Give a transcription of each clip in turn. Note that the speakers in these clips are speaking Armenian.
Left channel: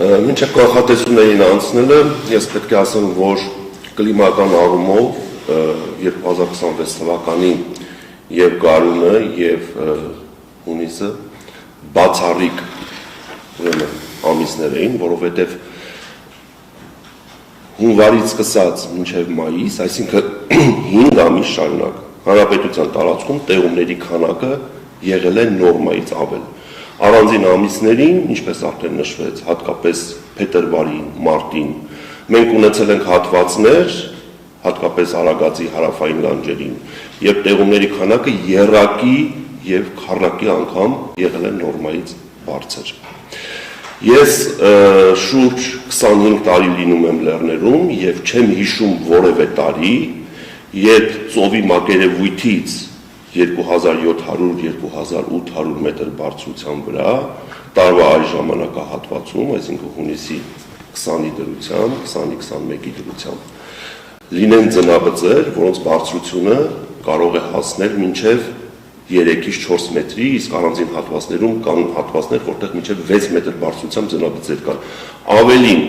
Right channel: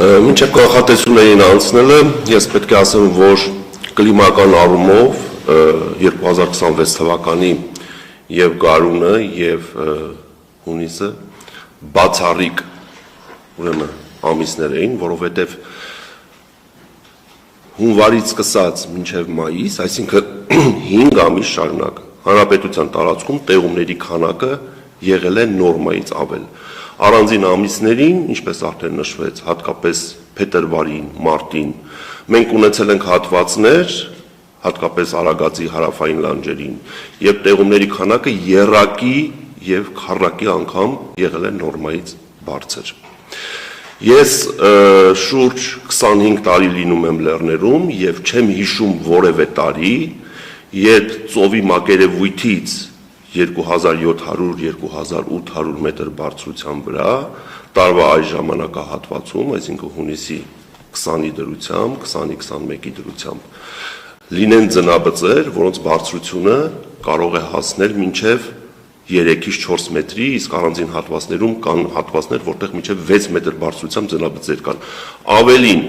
Մինչև կանխատեսումներին անցնելը, ես պետք է ասեմ, որ կլիմական առումով 2026 թվականի և գարունը և հունիսը բացառիկ ամիսներ էին, որովհետև հունվարից սկսած մինչև մայիս, այսինքն 5 ամիս շարունակ հանրապետության տարածքում տեղումների քանակը եղել է նորմայից ավել։ Առանձին ամիսներին, ինչպես արդեն նշվեց, հատկապես փետրվարին, մարտին, մենք ունեցել ենք հատվածներ, հատկապես Արագածի հարավային լանջերին, եւ տեղումների քանակը եռակի եւ քառակի անգամ եղել է նորմայից բարձր։ Ես շուրջ 25 տարի լինում եմ լեռներում եւ չեմ հիշում որևէ տարի, երբ ծովի մակերևույթից 2700-2800 մետր բարձրության վրա տարվա այս ժամանակահատվածում, այսինքն հունիսի 20-ի դրությամբ, 20-21-ի դրությամբ, լինեն ձնաբծեր, որոնց բարձրությունը կարող է հասնել մինչև 3-ից 4 մետրի, իսկ առանձին հատվածներում կան հատվածներ, որտեղ մինչև 6 մետր բարձրությամբ ձնաբծեր կան։ Ավելին,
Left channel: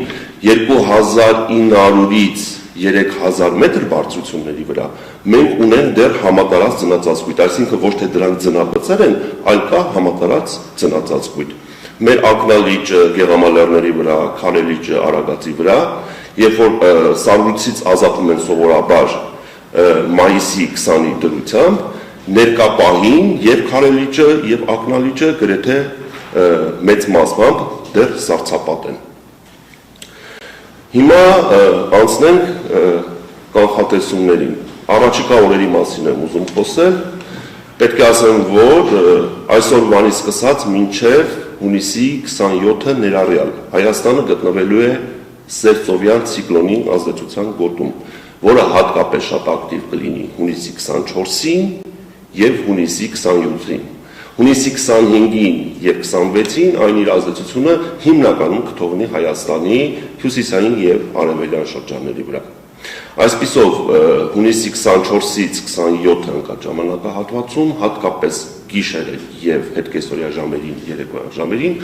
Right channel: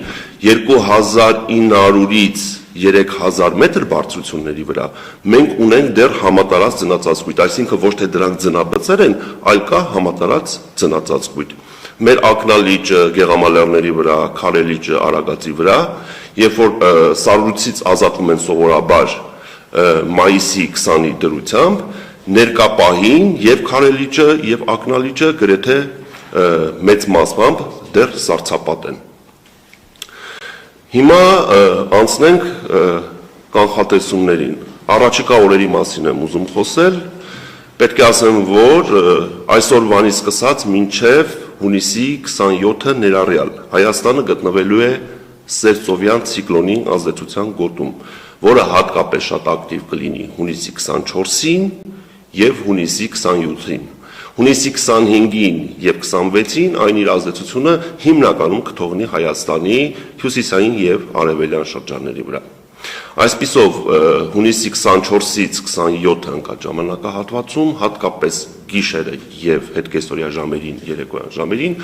2900-ից 3000 մետր բարձրությունների վրա մենք ունենք դեռ համատարած ձնածածկույթ, այսինքն ոչ թե դրանք ձնաբծեր են, այլ կա համատարած ձնածածկույթ։ Մեր ակնալիճը Գեղամալեռների վրա, Քարելիճը Արագածի վրա, երբ որ սառույցից ազատվում են սովորաբար մայիսի 20-ի դրությամբ, ներկա պահին եւ Քարելիճը եւ ակնալիճը գրեթե մեծ մասամբ դեռ սառցապատ են։ Հիմա անցնենք կանխատեսումներին։ Առաջիկա օրերի մասին եմ ուզում խոսել։ Պետք է ասեմ, որ այսօրվանից սկսած մինչև հունիսի 27-ը ներառյալ Հայաստանը գտնվելու է սերծովյան ցիկլոնի ազդեցության գոտում, որը հատկապես շատ ակտիվ կլինի հունիսի 24-ին եւ հունիսի 27-ին։ Հունիսի 25-ին և 26-ին այն իր ազդեցությունը հիմնականում կթողնի Հայաստանի հյուսիսային և արևելյան շրջանների վրա։ Այսպիսով, հունիսի 24-ից 27-ը ընկած ժամանակահատվածում, հատկապես գիշերը և հետկեսօրյա ժամերին, երեկոյան ժամերին,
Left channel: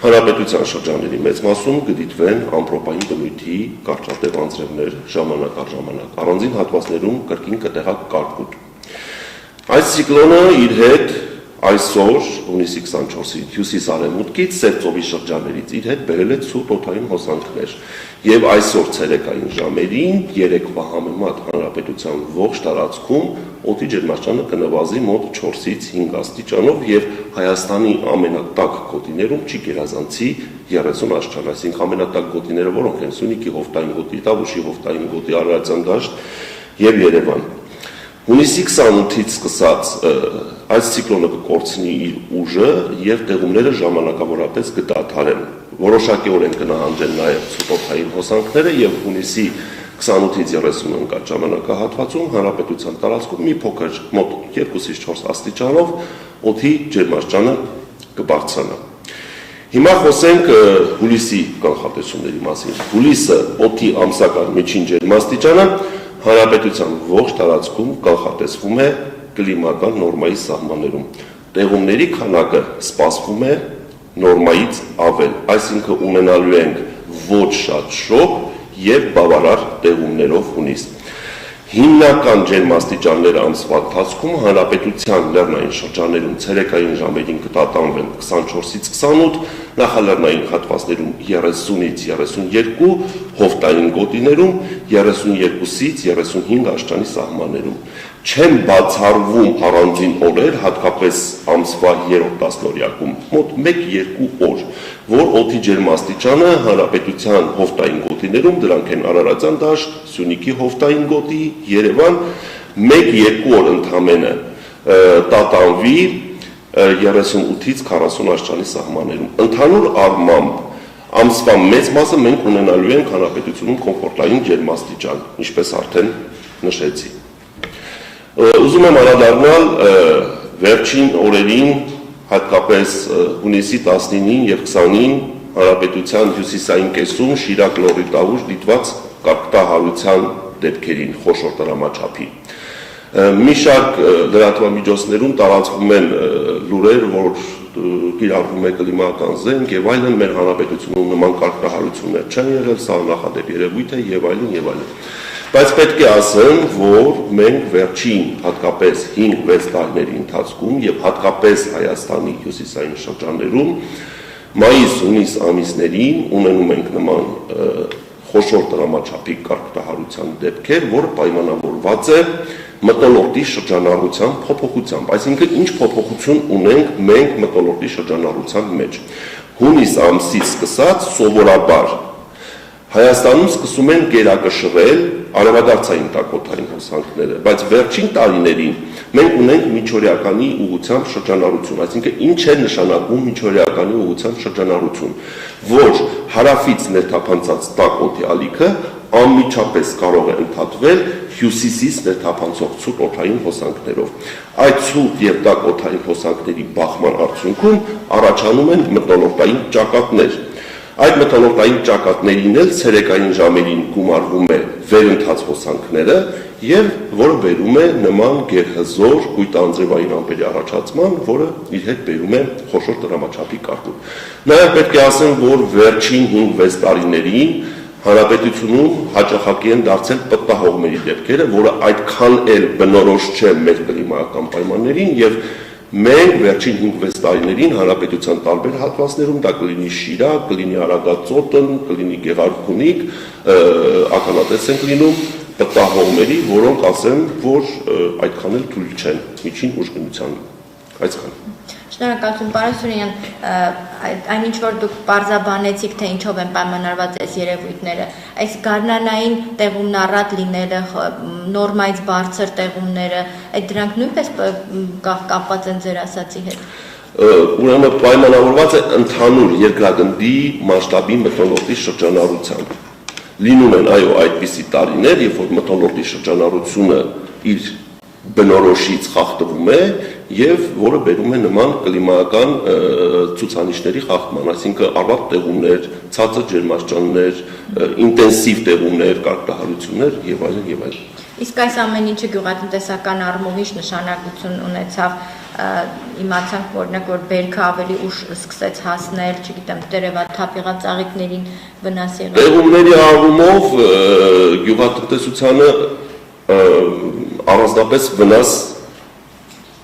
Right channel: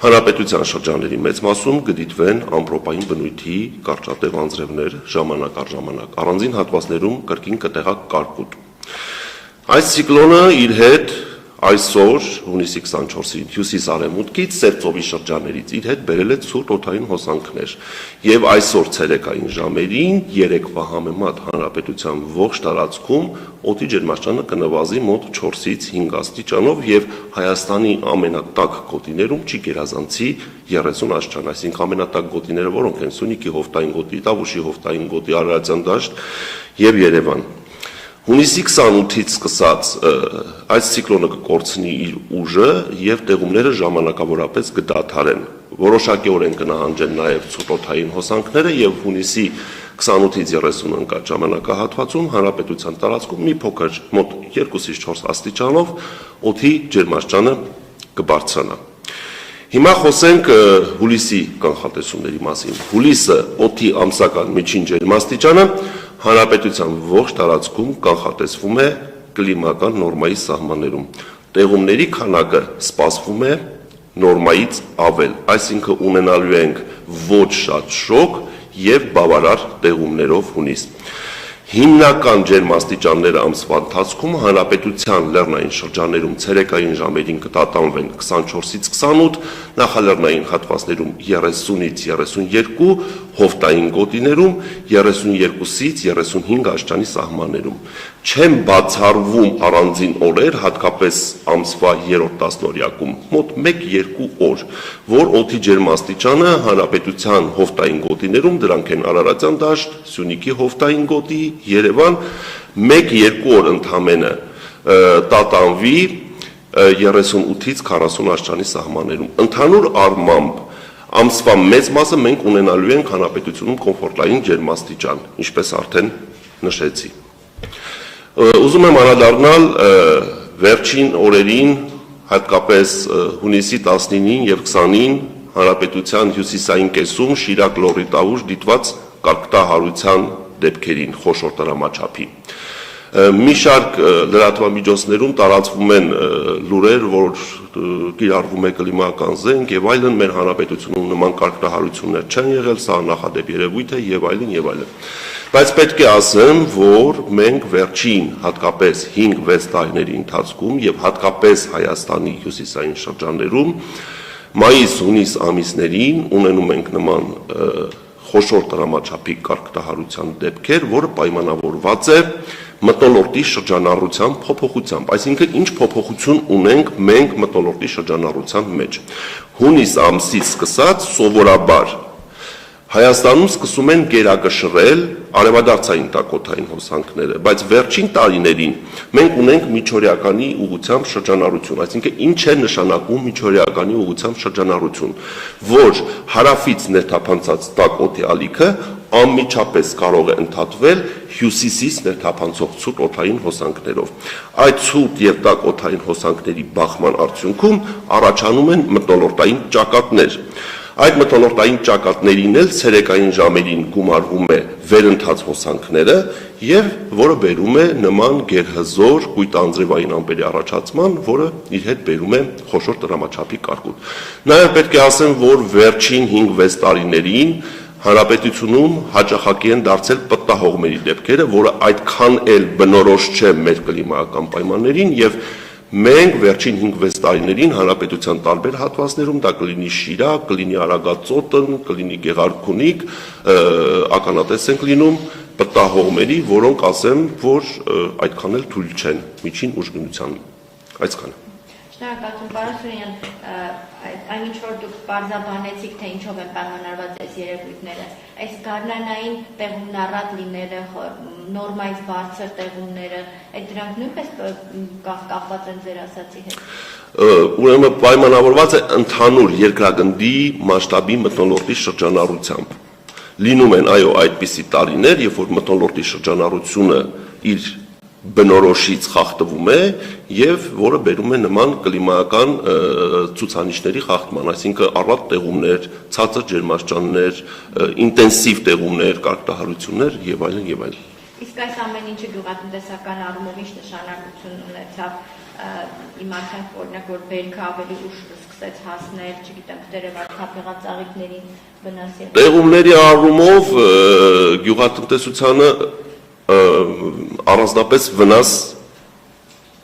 հանրապետության շրջանների մեծ մասում կդիտվեն ամպրոպային բնույթի կարճատև անձրևներ ժամանակ առ ժամանակ, առանձին հատվածներում կրկին կտեղակ կարկուտ։ Այս ցիկլոնը իր հետ այսօր հունիսի 24-ից հյուսիս-արևմուտքից սերծովի շրջաններից իր հետ բերել է ցուրտ օդային հոսանքներ եւ այսօր ցերեկային ժամերին երեկվա համեմատ հանրապետության ողջ տարածքում օդի ջերմաստիճանը կնվազի մոտ 4-ից 5 աստիճանով եւ Հայաստանի ամենատաք գոտիներում չի գերազանցի 30 աստիճան, այսինքն ամենատաք գոտիները որոնք են Սյունիքի հովտային գոտի, Տավուշի հովտային գոտի, Արարատյան դաշտ եւ Երևան։ Հունիսի 28-ից սկսած այս ցիկլոնը կկորցնի իր ուժը եւ տեղումները ժամանակավորապես կդադարեն։ Որոշակիորեն կնահանջեն նաեւ ցուրտօդային հոսանքները եւ հունիսի 28-ից 30 ընկած ժամանակահատվածում հանրապետության տարածքում մի փոքր մոտ 2-ից 4 աստիճանով օդի ջերմաստիճանը կբարձրանա։ Հիմա խոսենք հուլիսի կանխատեսումների մասին։ Հուլիսը օդի ամսական միջին ջերմաստիճանը հանրապետության ողջ տարածքում կանխատեսվում է կլիմական նորմայի սահմաններում։ Տեղումների քանակը սպասվում է նորմայից ավել, այսինքն ունենալու ենք ոչ շատ շոգ եւ բավարար տեղումներով հունիս։ Հիմնական ջերմաստիճանները ամսվա ընթացքում հանրապետության լեռնային շրջաններում ցերեկային ժամերին կտատանվեն 24-ից 28, նախալեռնային հատվածներում 30-ից 32, հովտային գոտիներում 32-ից 35 աստիճանի սահմաններում։ Չեն բացառվում առանձին օրեր, հատկապես ամսվա 3-րդ տասնօրյակում, մոտ 1-2 օր, որ օդի ջերմաստիճանը հանրապետության հովտային գոտիներում, դրանք են Արարատյան դաշտ, Սյունիքի հովտային գոտի, Երևան, 1-2 օր ընդամենը տատանվի 38-ից 40 աստիճանի սահմաններում։ Ընդհանուր առմամբ ամսվա մեծ մասը մենք ունենալու ենք հանրապետությունում կոմֆորտային ջերմաստիճան, ինչպես արդեն նշեցի։ Ուզում եմ անդրադառնալ վերջին օրերին, հատկապես հունիսի 19-ին եւ 20-ին հանրապետության հյուսիսային կեսում Շիրակ լոռի Տավուշ դիտված կարգտահարության դեպքերին խոշոր տրամաչափի։ Մի շարք լրատվամիջոցներում տարածվում են լուրեր, որ կիրառվում է կլիմայական զենք եւ այլն, մեր հանրապետությունում նման կարգահարություններ չեն եղել, սա նախադեպ երևույթ է եւ այլն եւ այլն։ Բայց պետք է ասեմ, որ մենք վերջին հատկապես 5-6 տարիների ընթացքում եւ հատկապես Հայաստանի հյուսիսային շրջաններում մայիս-հունիս ամիսներին ունենում ենք նման խոշոր դրամաչափի կարգահարության դեպքեր, որը պայմանավորված է մթնոլորտի շրջանառության փոփոխությամբ, այսինքն ինչ փոփոխություն ունենք մենք մթնոլորտի շրջանառության մեջ։ Հունիս ամսից սկսած սովորաբար Հայաստանում սկսում են գերակշռել արևադարձային տակոթային հոսանքները, բայց վերջին տարիներին մենք ունենք միջօրեականի ուղղությամբ շրջանառություն, այսինքն ինչ է նշանակում միջօրեականի ուղղությամբ շրջանառություն, որ հարավից ներթափանցած տակոթի ալիքը անմիջապես կարող է ընդհատվել հյուսիսից ներթափանցող ցուրտ օդային հոսանքներով։ Այդ ցուրտ եւ տաք օդային հոսանքների բախման արդյունքում առաջանում են մթնոլորտային ճակատներ։ Այդ մթնոլորտային ճակատներին էլ ցերեկային ժամերին գումարվում է վերընթաց հոսանքները եւ որը բերում է նման գերհզոր կույտանձրևային ամպերի առաջացման, որը իր հետ բերում է խոշոր դրամաչափի կարգուտ։ Նաեւ պետք է ասեմ, որ վերջին 5-6 տարիներին հանրապետությունում հաճախակի են դարձել պտտահողմերի դեպքերը, որը այդքան էլ բնորոշ չէ մեր կլիմայական պայմաններին եւ մենք վերջին 5-6 տարիներին հանրապետության տարբեր հատվածներում դա կլինի Շիրակ, կլինի Արագածոտն, կլինի Գեղարքունիք, ականատես ենք լինում պտտահողմերի, որոնք ասեմ, որ այդքան էլ թույլ չեն միջին ուժգնության, այսքան։ Շնորհակալություն, պարոն Սուրենյան, այնինչ որ դուք պարզաբանեցիք, թե ինչով են պայմանավորված այս երևույթները, այս գարնանային տեղումն առատ լինելը, նորմայից բարձր տեղումները, այդ դրանք նույնպես կապված են ձեր ասացի հետ։ Ուրեմն պայմանավորված է ընդհանուր երկրագնդի մասշտաբի մթնոլորտի շրջանառությամբ։ Լինում են այո այդպիսի տարիներ, երբ որ մթնոլորտի շրջանառությունը իր բնորոշից խախտվում է եւ որը բերում է նման կլիմայական ցուցանիշների խախտման, այսինքն առատ տեղումներ, ցածր ջերմաստիճաններ, ինտենսիվ տեղումներ, կարգահարություններ եւ այլն եւ այլն։ Իսկ այս ամեն ինչը գյուղատնտեսական առումով ինչ նշանակություն ունեցավ, իմացանք օրինակ որ բերքը ավելի ուշ սկսեց հասնել, չգիտեմ, տերևաթափიღած ծաղիկներին վնաս եղավ։ Տեղումների առումով գյուղատնտեսությանը առանձնապես վնաս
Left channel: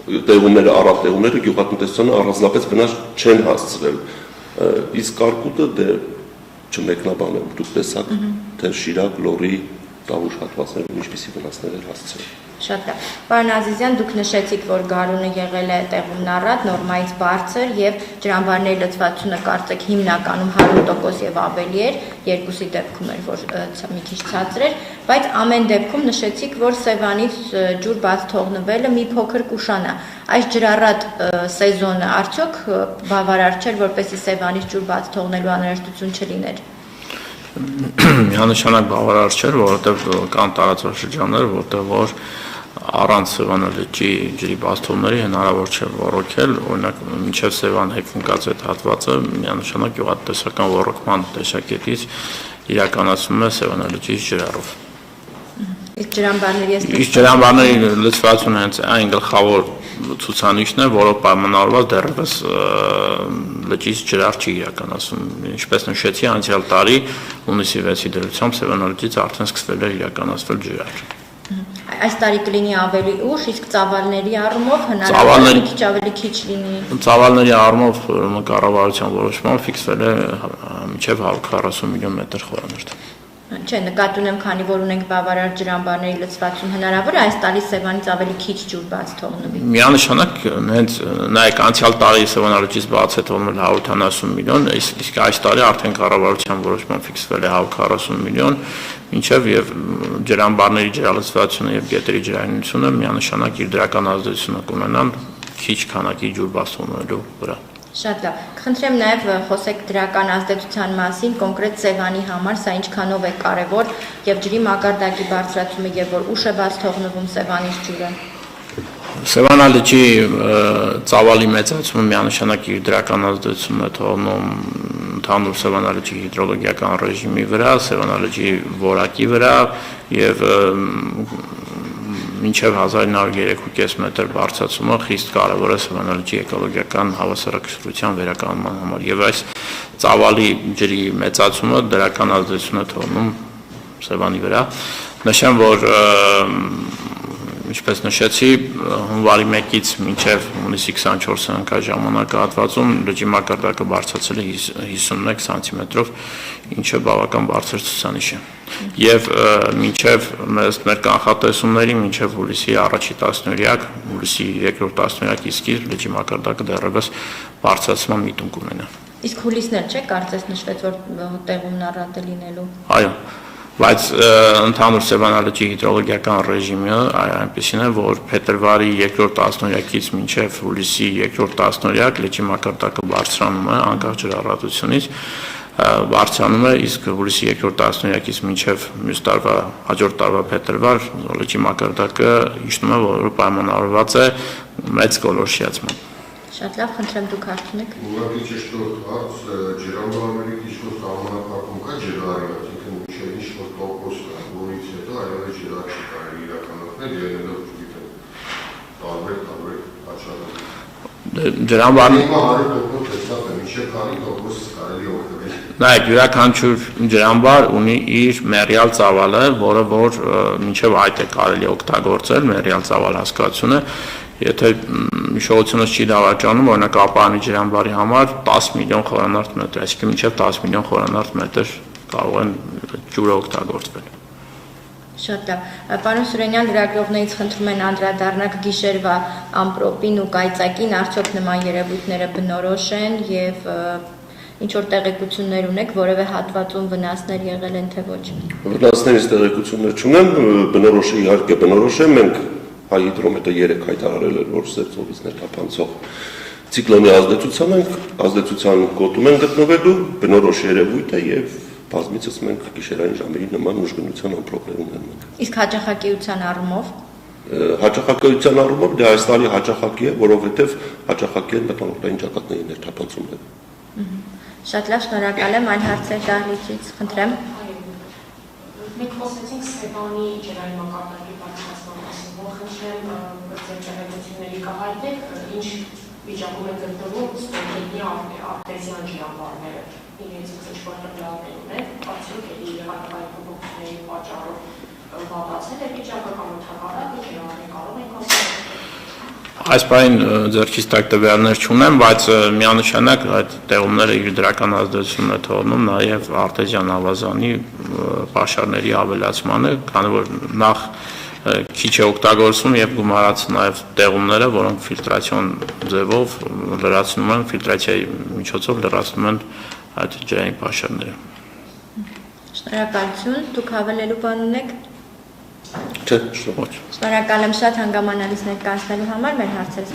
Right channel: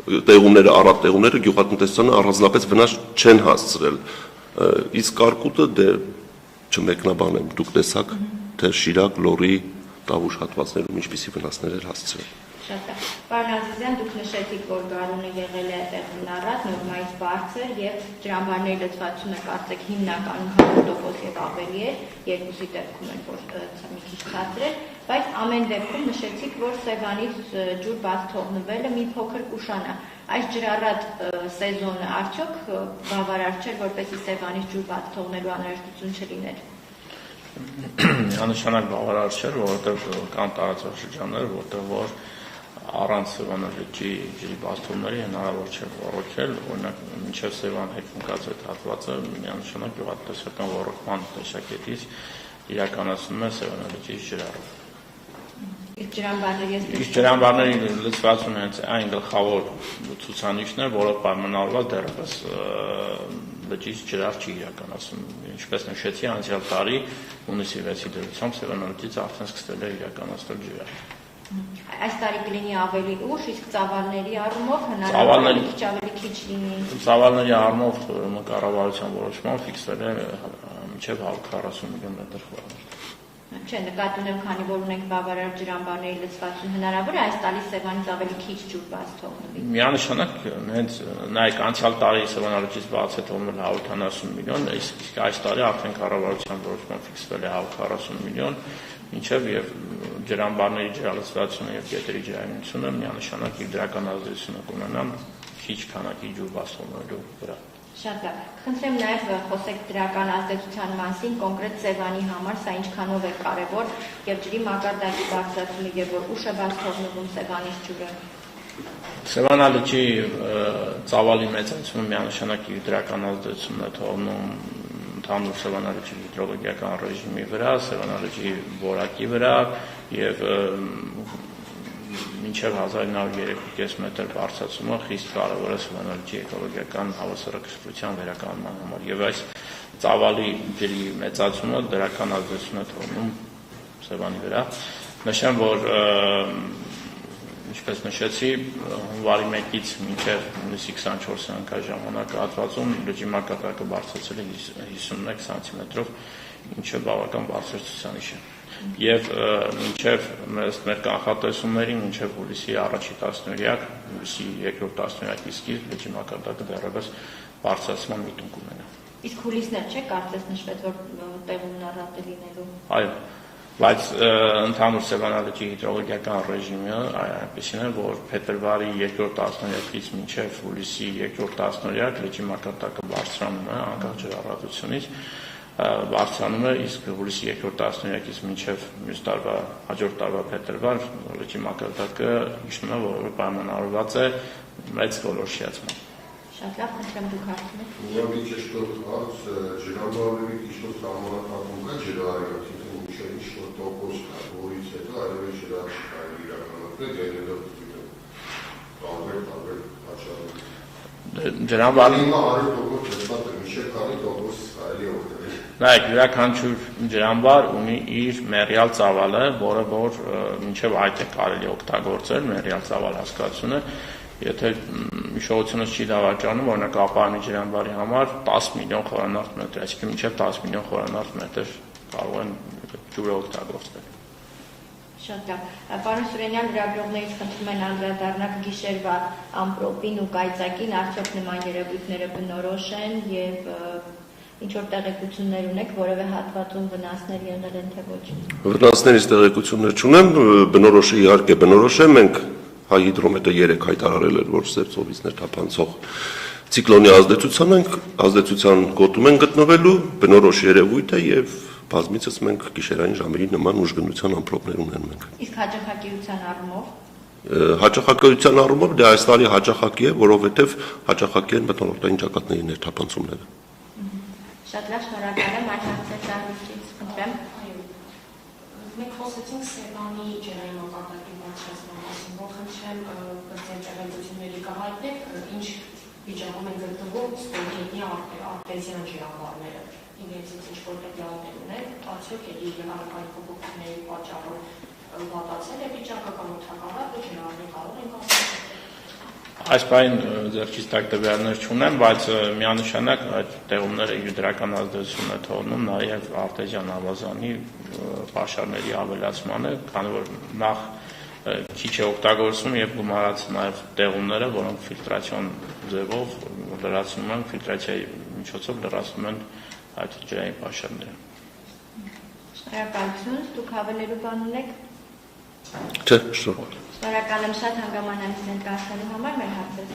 տեղումները, առատ տեղումները գյուղատնտեսությանը առանձնապես վնաս չեն հասցրել, իսկ կարկուտը դե չմեկնաբանեմ, դուք տեսաք, թե Շիրակ, Լոռի, Տավուշ հատվածներում ինչպիսի վնասներ էր հասցրել։ Շատ լավ։ Պարոն Ազիզյան, դուք նշեցիք, որ գարունը եղել է տեղումն առատ, նորմայից բարձր եւ ջրամբարների լցվածությունը կարծեք հիմնականում 100% եւ ավելի էր, երկուսի դեպքում էր, որ մի քիչ ցածր էր, բայց ամեն դեպքում նշեցիք, որ Սևանից ջուր բաց թողնվելը մի փոքր կուշանա։ Այս ջրառատ սեզոնը արդյոք բավարար չէր, որպեսզի Սևանից ջուր բաց թողնելու անհրաժեշտություն չլիներ։ Միանշանակ բավարար չէր, որովհետև կան տարածաշրջաններ, որտեղ որ առանց Սևան լճի ջրի բաց թողնողների հնարավոր չէ ոռոգել, օրինակ մինչև Սևան հեքնկած այդ հատվածը միանշանակ գյուղատնտեսական ոռոգման տեսակետից իրականացվում է Սևան լճի ջրառով։ Իսկ ջրամբարների լցվածությունը հենց այն գլխավոր ցուցանիշն է, որով պայմանավորված դեռևս լճից ջրառ չի իրականացում։ Ինչպես նշեցի, անցյալ տարի հունիսի 6-ի դրությամբ Սևան լճից արդեն սկսվել է իրականացվել ջրառ։ Այս տարի կլինի ավելի ուշ, իսկ ծավալների առումով հնարավոր է քիչ ավելի քիչ լինի։ Ծավալների առումով կառավարության որոշմամբ ֆիքսվել է մինչև 140 միլիոն մետր խորանարդ։ Չէ, նկատի ունեմ, քանի որ ունենք բավարար ջրամբարների լցվածություն, հնարավոր է այս տարի Սևանից ավելի քիչ ջուր բաց թողնվի։ Միանշանակ հենց նայեք անցյալ տարի Սևան լճից բաց է թողնել 170 միլիոն, իսկ այս տարի արդեն կառավարության որոշմամբ ֆիքսվել է 140 միլիոն, ինչև եւ ջրամբարների ջրալցվածությունը եւ գետերի ջրայնությունը միանշանակ իր դրական ազդեցությունը կունենան քիչ քանակի ջուր բաց թողնելու վրա։ Շատ լավ։ Կխնդրեմ նաև խոսեք դրական ազդեցության մասին, կոնկրետ Սևանի համար սա ինչքանով է կարևոր եւ ջրի մակարդակի բարձրացումը եւ որ ուշ է բաց թողնվում Սևանից ջուրը։ Սևանա լճի ծավալի մեծացումը միանշանակ իր դրական ազդեցությունն է թողնում ընդհանուր Սևանա լճի հիդրոլոգիական ռեժիմի վրա, Սևանա լճի որակի վրա եւ մինչև 1903.5 մետր բարձրացումը խիստ կարևոր է Սևան լճի էկոլոգիական հավասարակշռության վերականգնման համար եւ այս ծավալի ջրի մեծացումը դրական ազդեցություն է թողնում Սևանի վրա։ Նշեմ, որ ինչպես նշեցի, հունվարի 1-ից մինչև հունիսի 24-ը ժամանակահատվածում լճի մակարդակը բարձրացել է 51 սանտիմետրով, ինչը բավական բարձր ցուցանիշ է։ Եվ մինչև մեր կանխատեսումների, մինչև հուլիսի առաջի տասնօրյակ, հուլիսի երկրորդ տասնօրյակի սկիզբ լճի մակարդակը դեռևս բարձրացման միտում կունենա։ Իսկ հուլիսն էլ չէ, կարծես նշվեց, որ տեղումն առատ է լինելու։ Այո, բայց ընդհանուր Սևանալճի հիդրոլոգիական ռեժիմը այնպեսին է, որ փետրվարի երկրորդ տասնօրյակից մինչև հուլիսի երկրորդ տասնօրյակ լճի մակարդակը բարձրանում է անկախ ջրառատությունից, բարձրանում է, իսկ հուլիսի երկրորդ տասնօրյակից մինչև մյուս տարվա հաջորդ տարվա փետրվար լճի մակարդակը իջնում է, որը պայմանավորված է մեծ գոլորշիացմամբ։ Շատ լավ, խնդրեմ դուք հարցնեք։ Ուղղակի ճշտորդ հարց, ջրամբարների ինչ-որ սահմանափակում կա ջրարյուն, այսինքն ինչ-որ տոկոս կա, որից հետո այլևս ջրաչի կարելի իրականացնել, ելնելով գիտեմ տարբեր աչառներ։ Ջրամբարը 100% տեսած է, մինչև քանի տոկոս կարելի օգտվել։ Նայեք, յուրաքանչյուր ջրամբար ունի իր մեռյալ ծավալը, որը որ մինչև այդ է կարելի օգտագործել, մեռյալ ծավալ հասկացությունը։ Եթե հիշողությունս չի դավաճանում, օրինակ ապարանի ջրամբարի համար 10 միլիոն խորանարդ մետր, այսինքն մինչև 10 միլիոն խորանարդ մետր կարող են ջուրը օգտագործվել։ Շատ լավ։ Պարոն Սուրենյան, լրագրողներից խնդրում են անդրադառնալ գիշերվա ամպրոպին ու կայծակին, արդյոք նման երևույթները բնորոշ են եւ ինչ որ տեղեկություններ ունեք, որևէ հատվածում վնասներ եղել են թե ոչ։ Վնասներից տեղեկություններ չունեմ, բնորոշ է, իհարկե բնորոշ է, մենք հայ հիդրոմետրը 3 հայտարարել էր, որ Սև ծովից ներթափանցող ցիկլոնի ազդեցության գոտում են գտնվելու, բնորոշ երևույթ է եւ բազմիցս մենք գիշերային ժամերին նման ուժգնության ամպրոպներ ունենում ենք։ Իսկ հաճախակիության առումով հաճախակիության առումով դա այս տարի հաճախակի է, որովհետեւ հաճախակի են մթնոլորտային ճակատների ներթափանցումները։ Շատ լավ, շնորհակալ եմ, այլ հարցեր դահլիճից, խնդրեմ։ Մենք խոսեցինք Սևանի ջրային մակարդակի բարձրացման մասին, խնդրեմ ձեր կահայտեք, ինչ վիճակում են գտնվում ստուդենտի արտեզյան ջրամբարները, իրենց ինչ-որ հրավեր ունեն, արդյոք եղանակային փոփոխությունների պատճառով վատացել է վիճակը կամ ընդհանրապես ջրամբարը կարող են կոստել։ Այս բանին ձեռքից տակ տվյալներ չունեմ, բայց միանշանակ այդ տեղումները իր դրական ազդեցությունն է թողնում նաև արտեզյան ավազանի պաշարների ավելացմանը, քանի որ նախ քիչ է օգտագործվում եւ գումարած նաև տեղումները, որոնք ֆիլտրացիոն ձևով լրացնում են, ֆիլտրացիայի միջոցով լրացնում են այդ ջրային պաշարները։ Շնորհակալություն, դուք հավելելու բան ունեք։ Չէ, շնորհակալ։ Շնորհակալ եմ շատ հանգամանալից ներկայացնելու համար, մեր հարցերը